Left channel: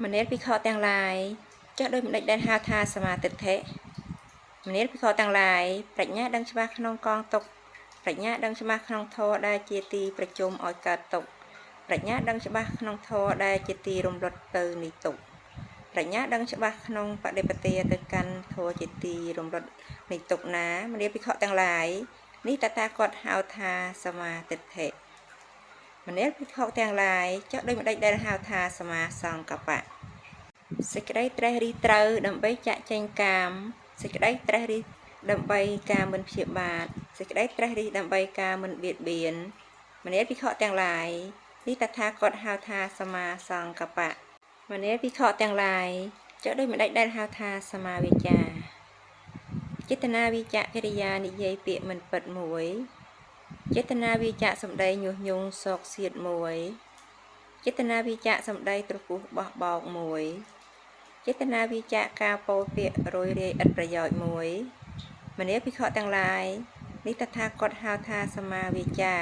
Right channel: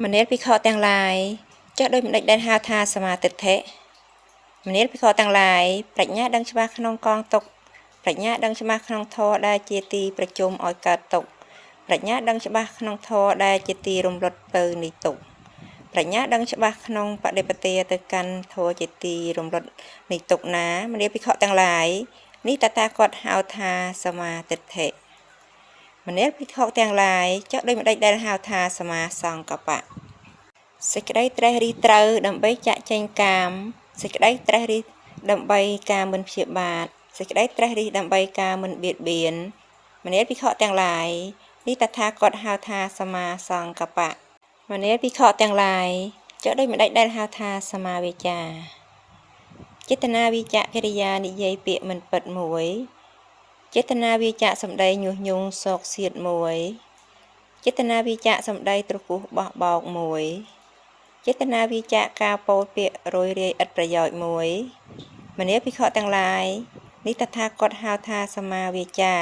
មនេភិក្ខុទាំងឡាយចុះដោយមិនដេចដែលហៅថាសមាទិដ្ឋិមនេភិក្ខុទាំងឡាយប្រាជ្ញាដឹងច្បាស់ក្នុងកងទុកប្រាជ្ញាដឹងច្បាស់ក្នុងធម៌ដែលជាទីប្រជុំឲ្យកើតទុកប្រាជ្ញាដឹងច្បាស់ក្នុងធម៌ដែលជាទីរំលត់ទៅនៃទុកប្រាជ្ញាដឹងច្បាស់ក្នុងបដិបទាទៅកាន់ធម៌ជាទីរំលត់នៃទុកណាមនេភិក្ខុទាំងឡាយនេះតថាគតហៅថាសមាទិដ្ឋិមនេភិក្ខុទាំងឡាយចុះដោយមិនដេចដែលហៅថាសមាសង្កបៈសេចក្តីត្រេះរិះត្រូវដើម្បីចាក់ចែងកាមសេចក្តីត្រេះរិះដើម្បីការមិនព្យាបាទសេចក្តីត្រេះរិះដើម្បីការមិនបៀតបៀនមនេភិក្ខុទាំងឡាយនេះតថាគតហៅថាសមាសង្កបៈមនេភិក្ខុទាំងឡាយចុះដោយមិនដេចដែលហៅថាសមាវាចាចេតនាវិជ្ជកិរិយានិយាយពាក្យមិនពិតមួយចេតនាវិជ្ជសម្ដីញុះញង់សោកសៀតមួយចេតនាវិជ្ជសម្ដីទ្រុពុះបោះបោកមួយចេតនាវិជ្ជការពោលពាក្យរយរាយឥតប្រយោជន៍មួយមនេភិក្ខុទាំងឡាយនេះតថាគតហៅថាសមាវាចា